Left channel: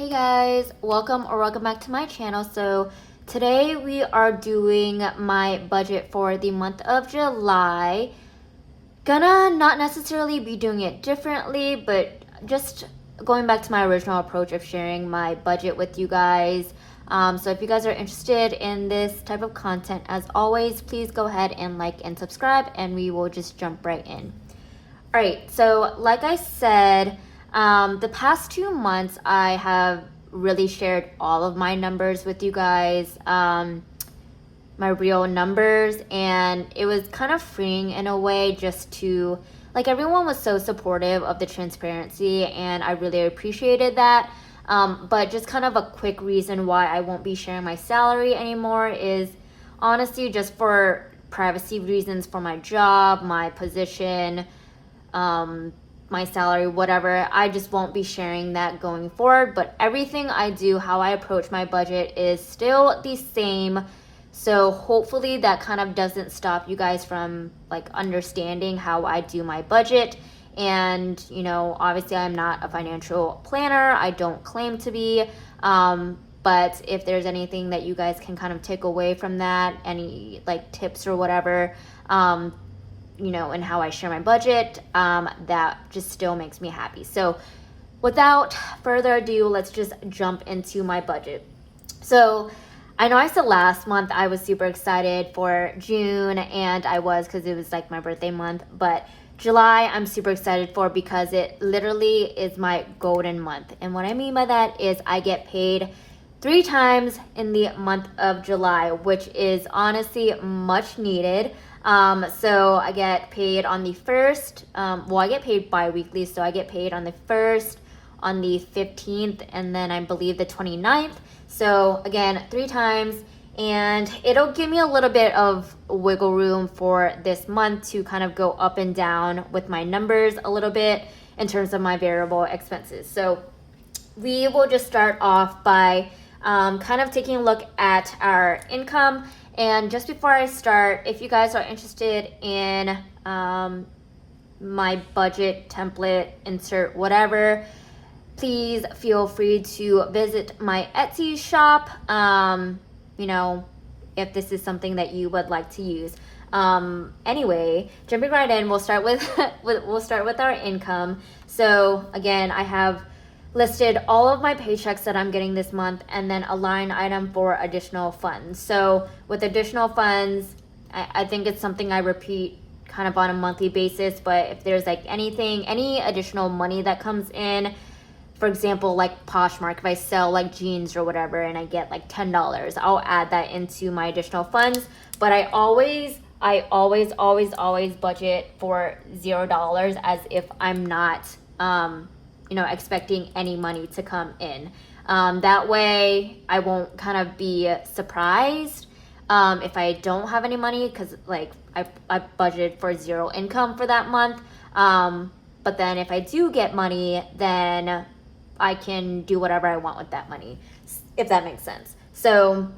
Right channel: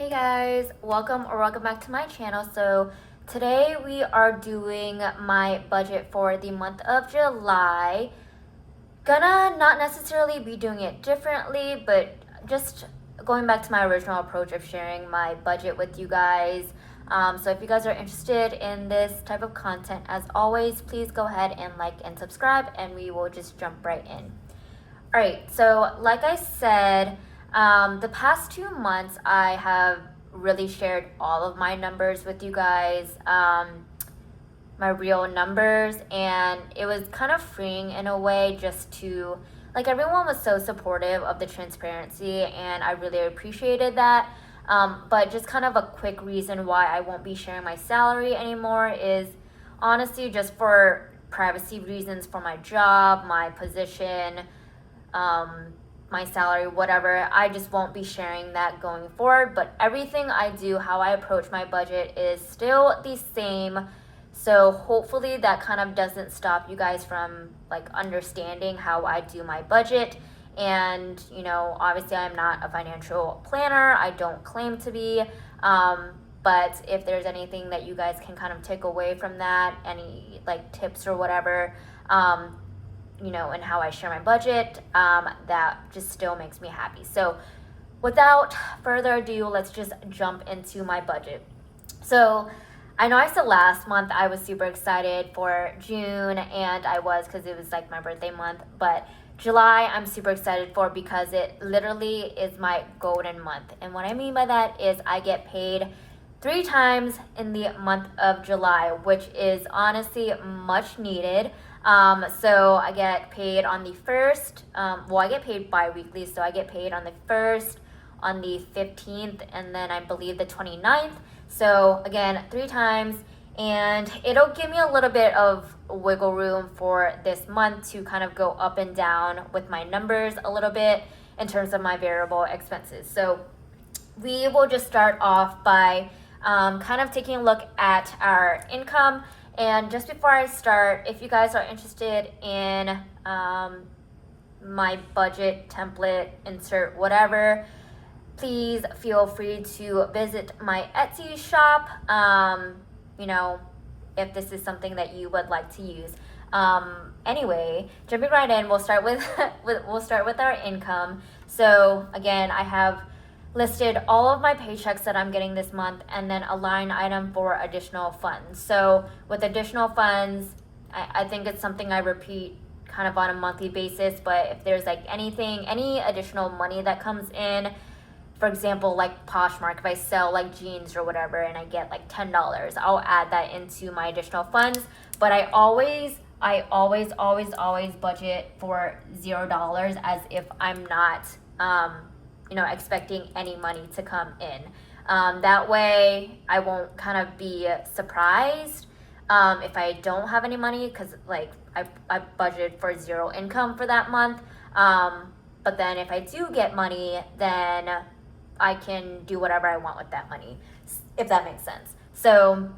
Hey guys, welcome back to my channel. So today we are doing my budget for the month of July. Gonna not necessarily be doing it differently, but just going back to my original approach of sharing my budget with you guys. So if you guys are interested in this type of content, as always, please go ahead and like and subscribe, and we will just jump right in. All right, so like I said, the past 2 months I have really shared all of my numbers with you guys, my real numbers, and it was kind of freeing in a way just to, like, everyone was so supportive of the transparency, and I really appreciated that. But just kind of a quick reason why I won't be sharing my salary anymore is honestly just for privacy reasons for my job, my position, my salary, whatever. I just won't be sharing that going forward. But everything I do, how I approach my budget is still the same. So hopefully that kind of doesn't stop you guys from like understanding how I do my budget. And obviously I'm not a financial planner. I don't claim to be. But if there's anything that you guys can kind of take away from that, any like tips or whatever, and how I share my budget, that just still makes me happy. So without further ado, let's just jump into my budget. So I know I said last month I was super excited for June, and I was because it was like my birthday month, but July I'm super excited for because it literally is my golden month. And what I mean by that is I get paid 3 times in the month of July, which is honestly much needed. So I get paid on the 1st, I get paid bi-weekly, so I get paid on the 1st, on the 15th, and then I believe the 29th. So again, 3 times, and it'll give me a little bit of wiggle room for this month to kind of go up and down with my numbers a little bit in terms of my variable expenses. So we will just start off by kind of taking a look at our income. And just before I start, if you guys are interested in my budget template, insert whatever, please feel free to visit my Etsy shop, if this is something that you would like to use. Anyway, jumping right in, we'll start with we'll start with our income. So again, I have listed all of my paychecks that I'm getting this month, and then a line item for additional funds. So with additional funds, I think it's something I repeat kind of on a monthly basis, but if there's like any additional money that comes in, for example, like Poshmark, if I sell like jeans or whatever and I get like $10, I'll add that into my additional funds. But I always budget for $0 as if I'm not expecting any money to come in. That way I won't kind of be surprised if I don't have any money, because like I budgeted for 0 income for that month. But then if I do get money, then I can do whatever I want with that money, if that makes sense. So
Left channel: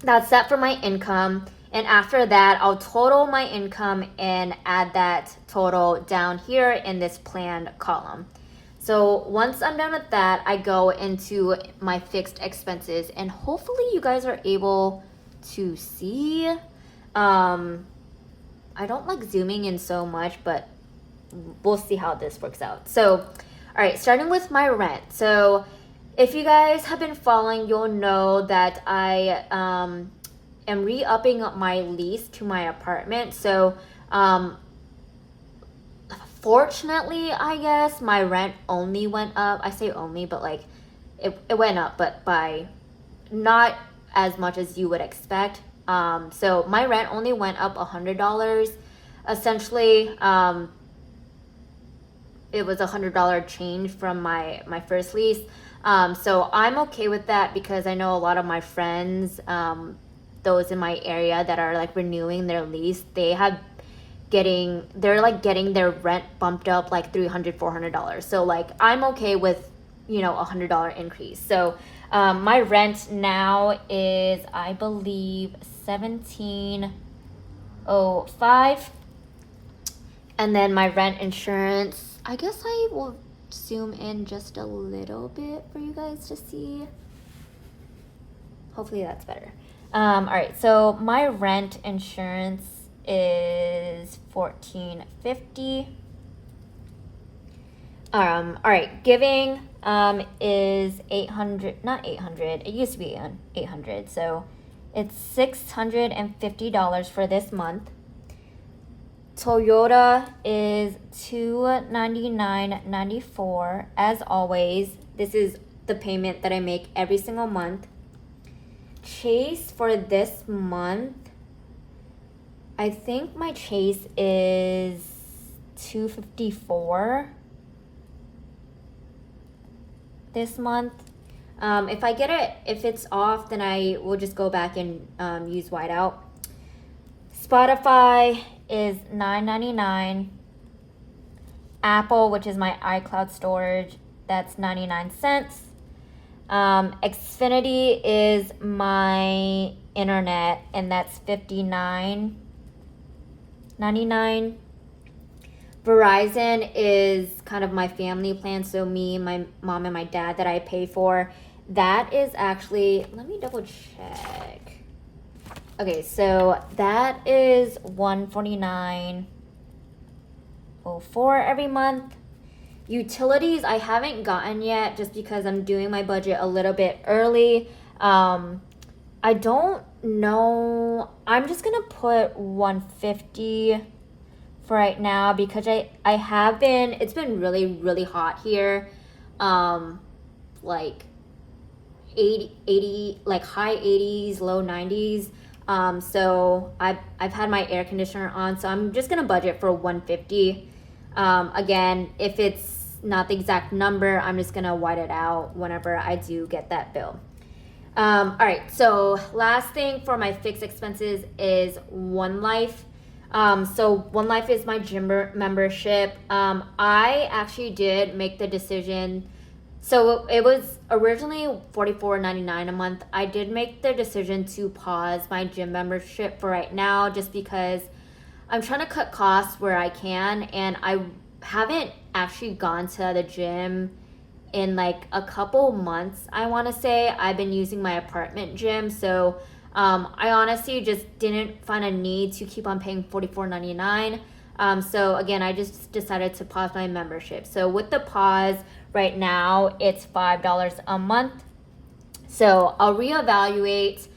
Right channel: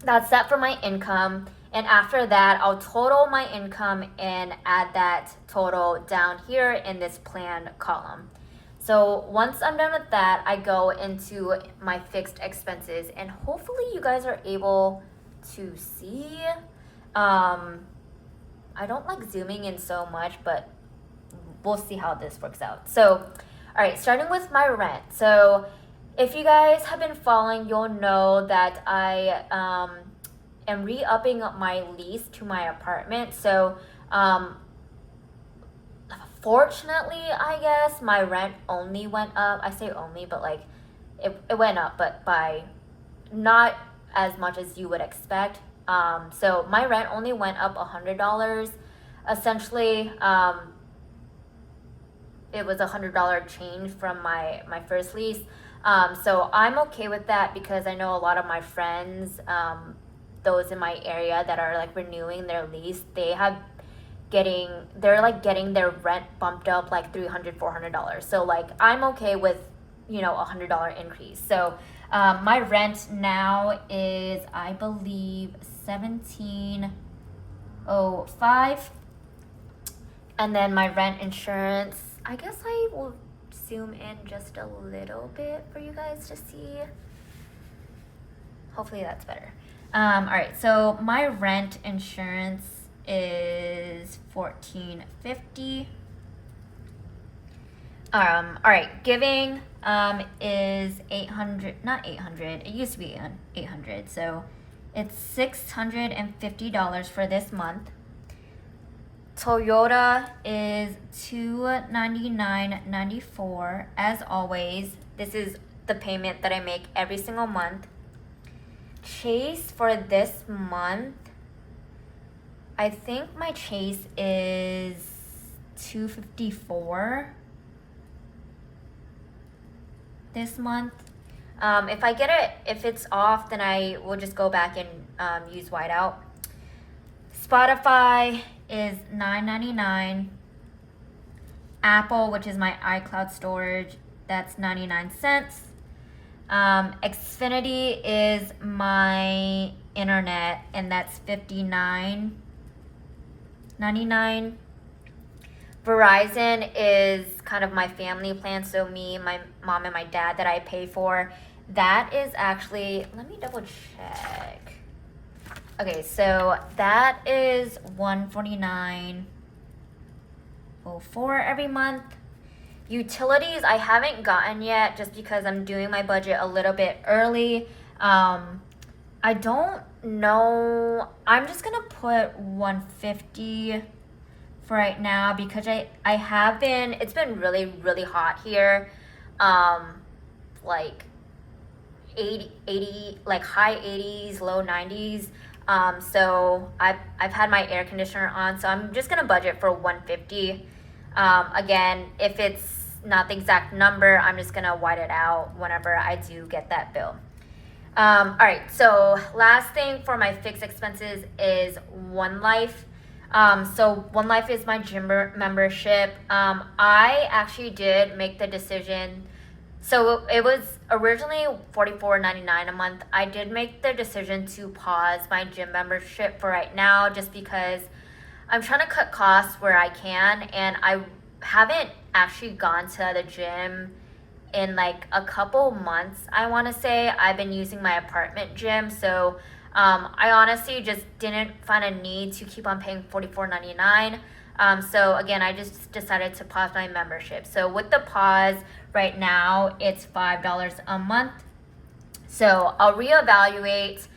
that's that for my income. And after that, I'll total my income and add that total down here in this planned column. So once I'm done with that, I go into my fixed expenses, and hopefully you guys are able to see. I don't like zooming in so much, but we'll see how this works out. So, all right, starting with my rent. So if you guys have been following, you'll know that I am re-upping my lease to my apartment. So fortunately, I guess, my rent only went up. I say only, but like it went up, but by not as much as you would expect. So my rent only went up $100. Essentially, it was $100 change from my first lease. So I'm okay with that because I know a lot of my friends, those in my area that are like renewing their lease, they're getting their rent bumped up like $300-$400. So like I'm okay with $100 increase. So my rent now is, I believe, $17.05, and then my rent insurance, I guess I will zoom in just a little bit for you guys to see. Hopefully that's better. All right, so my rent insurance is $14.50. All right, giving is 800, not 800. It used to be 800, so it's $650 for this month. Toyota is $299.94. As always, this is the payment that I make every single month. Chase for this month, I think my Chase is $254 this month. If it's off, then I will just go back and use whiteout. Spotify is $9.99. Apple, which is my iCloud storage, that's 99 cents. Xfinity is my internet, and that's $59.99. Verizon is kind of my family plan, so me, my mom, and my dad that I pay for. That is actually, let me double check. Okay, so that is $149.04 every month. Utilities I haven't gotten yet just because I'm doing my budget a little bit early. I don't know. I'm just gonna put $150 for right now because it's been really, really hot here. Like 80, like high 80s, low 90s. So I've had my air conditioner on, so I'm just gonna budget for $150. Again, if it's not the exact number, I'm just gonna white it out whenever I do get that bill. All right, so last thing for my fixed expenses is One Life. So One Life is my gym membership. I actually did make the decision. So it was originally $44.99 a month. I did make the decision to pause my gym membership for right now just because I'm trying to cut costs where I can, and I haven't actually gone to the gym in like a couple months. I want to say I've been using my apartment gym, so I honestly just didn't find a need to keep on paying $44.99. So again, I just decided to pause my membership. So with the pause right now, it's $5 a month. So I'll reevaluate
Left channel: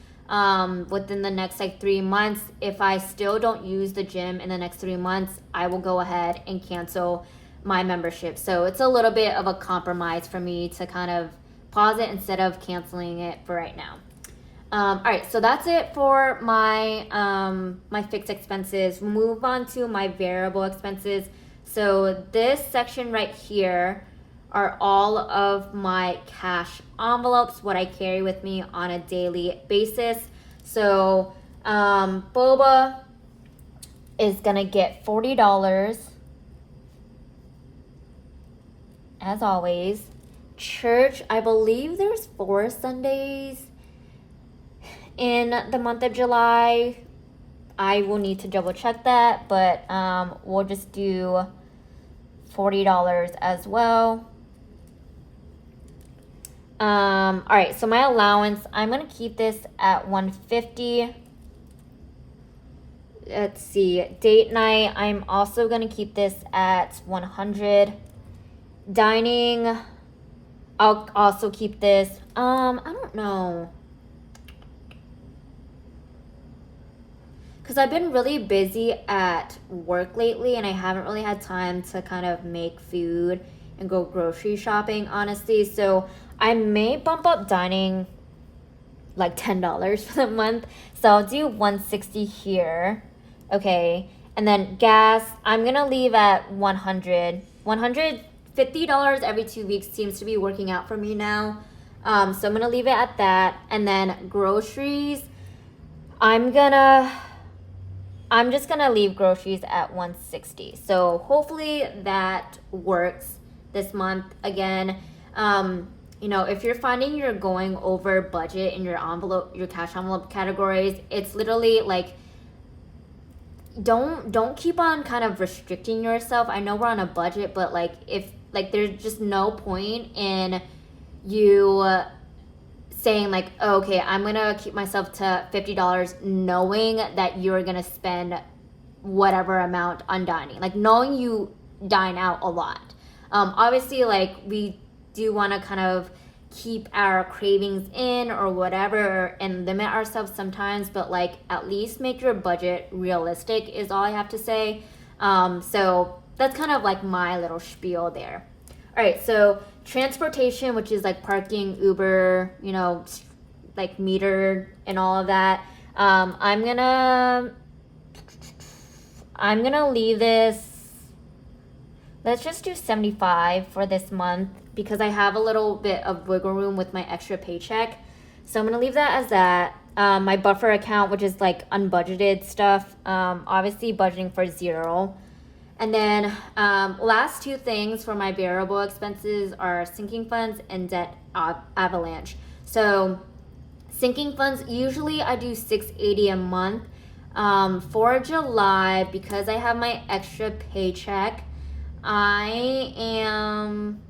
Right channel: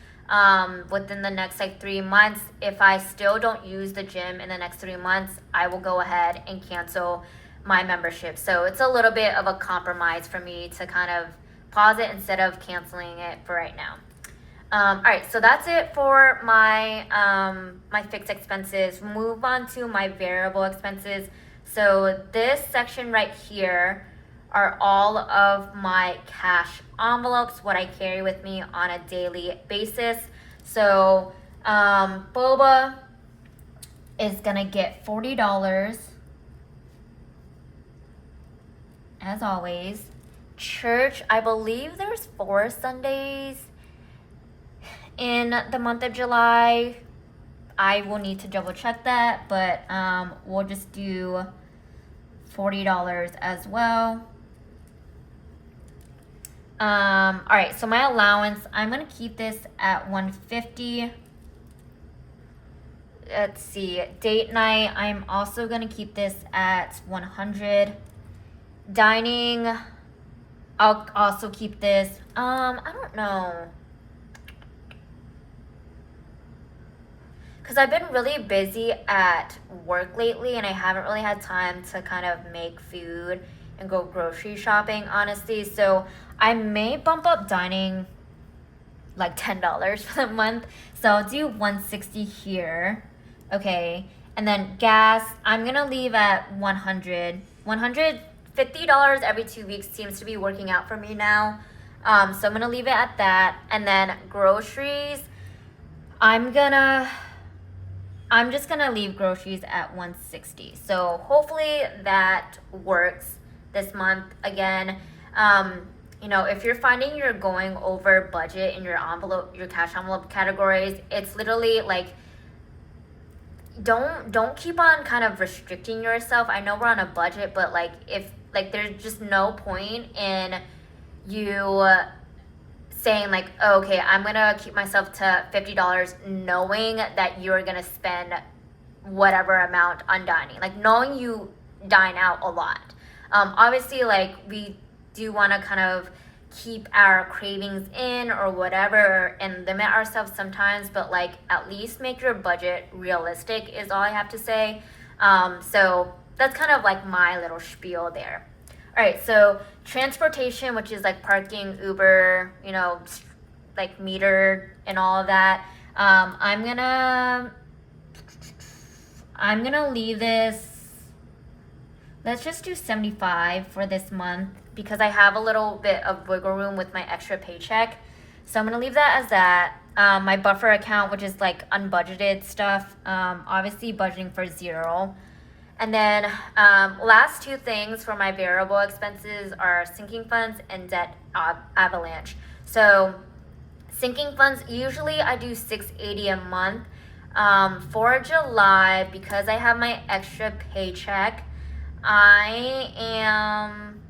within the next like 3 months. If I still don't use the gym in the next 3 months, I will go ahead and cancel my membership. So it's a little bit of a compromise for me to kind of pause it instead of canceling it for right now. All right, so that's it for my my fixed expenses. Move on to my variable expenses. So this section right here are all of my cash envelopes, what I carry with me on a daily basis. So Boba is gonna get $40 as always. Church, I believe there's 4 Sundays in the month of July. I will need to double check that, but we'll just do $40 as well. All right, so my allowance, I'm gonna keep this at $150. Let's see, date night, I'm also gonna keep this at $100. Dining, I'll also keep this. I don't know, because I've been really busy at work lately and I haven't really had time to kind of make food and go grocery shopping, honestly. So I may bump up dining like $10 for the month. So I'll do $160 here. Okay. And then gas, I'm going to leave at $100. $150 every 2 weeks seems to be working out for me now. So I'm going to leave it at that. And then groceries, I'm just gonna leave groceries at $160. So hopefully that works this month. Again, if you're finding you're going over budget in your cash envelope categories, it's literally like, don't keep on kind of restricting yourself. I know we're on a budget, but like if like there's just no point in you saying like, oh, okay, I'm gonna keep myself to $50 knowing that you're gonna spend whatever amount on dining, like knowing you dine out a lot. Obviously, like we do want to kind of keep our cravings in or whatever and limit ourselves sometimes, but like at least make your budget realistic is all I have to say. So that's kind of like my little spiel there. All right, so transportation, which is like parking, Uber, you know, like meter and all of that. I'm gonna leave this. Let's just do 75 for this month because I have a little bit of wiggle room with my extra paycheck. So I'm gonna leave that as that. My buffer account, which is like unbudgeted stuff, obviously budgeting for 0. And then last two things for my variable expenses are sinking funds and debt avalanche. So sinking funds, usually I do $680 a month. For July, because I have my extra paycheck, I'm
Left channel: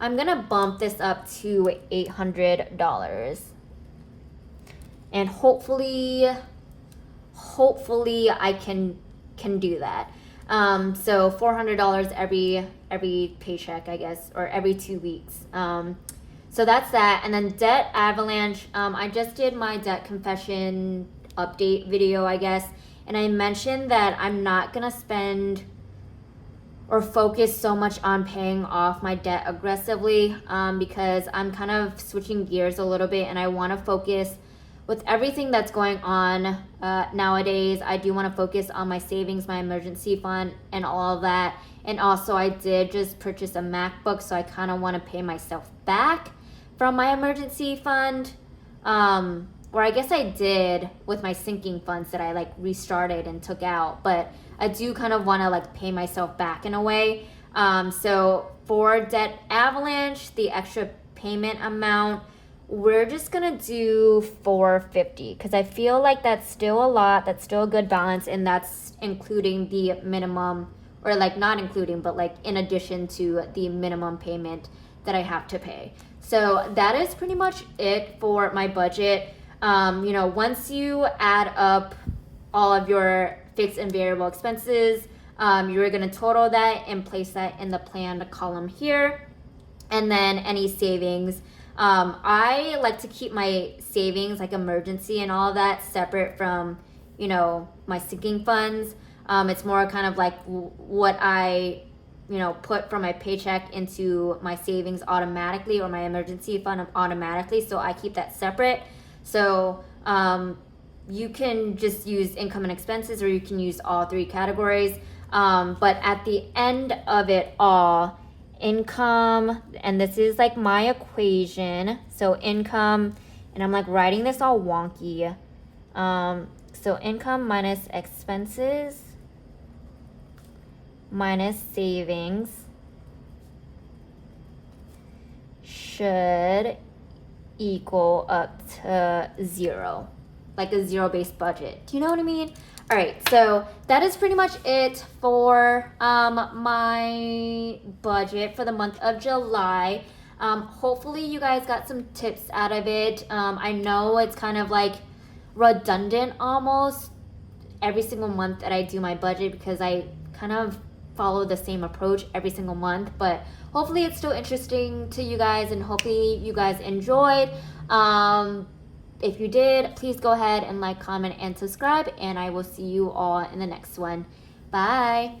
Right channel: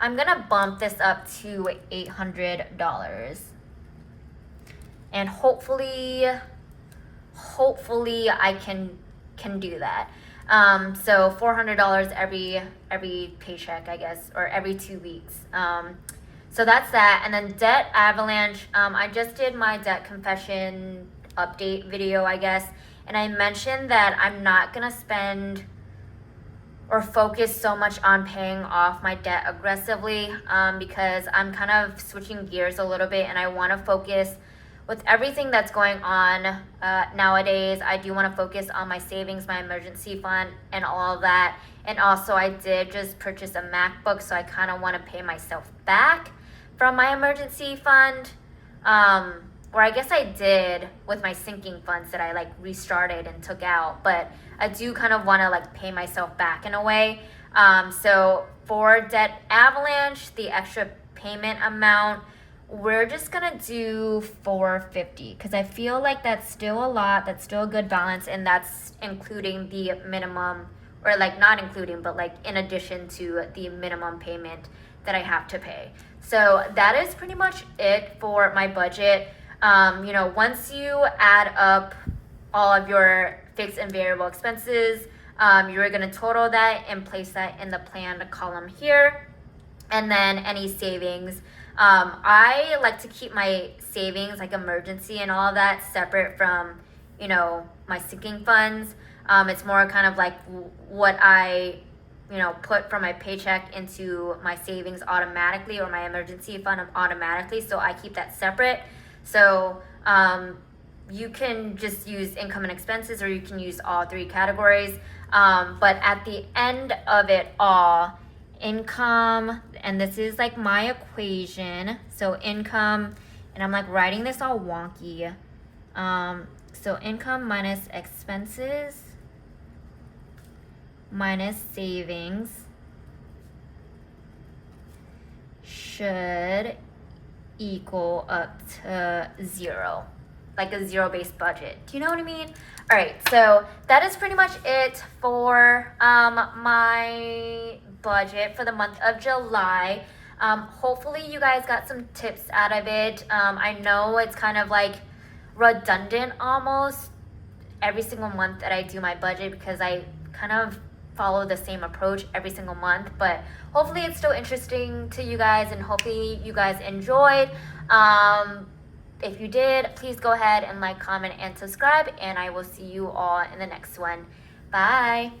gonna bump this up to $800, and hopefully I can do that. So $400 every paycheck, I guess, or every 2 weeks. So that's that. And then debt avalanche. I just did my debt confession update video, I guess, and I mentioned that I'm not gonna spend or focus so much on paying off my debt aggressively, because I'm kind of switching gears a little bit and I want to focus with everything that's going on nowadays. I do want to focus on my savings, my emergency fund, and all of that. And also I did just purchase a MacBook, so I kind of want to pay myself back from my emergency fund, or I guess I did with my sinking funds that I like restarted and took out, but I do kind of want to like pay myself back in a way. So for debt avalanche, the extra payment amount, we're just gonna do $450 because I feel like that's still a lot. That's still a good balance, and that's including the minimum, or like not including, but like in addition to the minimum payment that I have to pay. So that is pretty much it for my budget. You know, once you add up all of your fixed and variable expenses, you're gonna total that and place that in the planned column here. And then any savings. I like to keep my savings, like emergency and all of that, separate from, you know, my sinking funds. It's more kind of like what I, you know, put from my paycheck into my savings automatically, or my emergency fund automatically. So I keep that separate. So you can just use income and expenses, or you can use all three categories. But at the end of it all, income, and this is like my equation. So income, and I'm like writing this all wonky. So income minus expenses minus savings should equal up to 0, like a zero-based budget. Do you know what I mean? All right, so that is pretty much it for my budget for the month of July. Hopefully you guys got some tips out of it. I know it's kind of like redundant almost every single month that I do my budget, because I kind of follow the same approach every single month, but hopefully it's still interesting to you guys, and hopefully you guys enjoyed. If you did, please go ahead and like, comment, and subscribe, and I will see you all in the next one. Bye.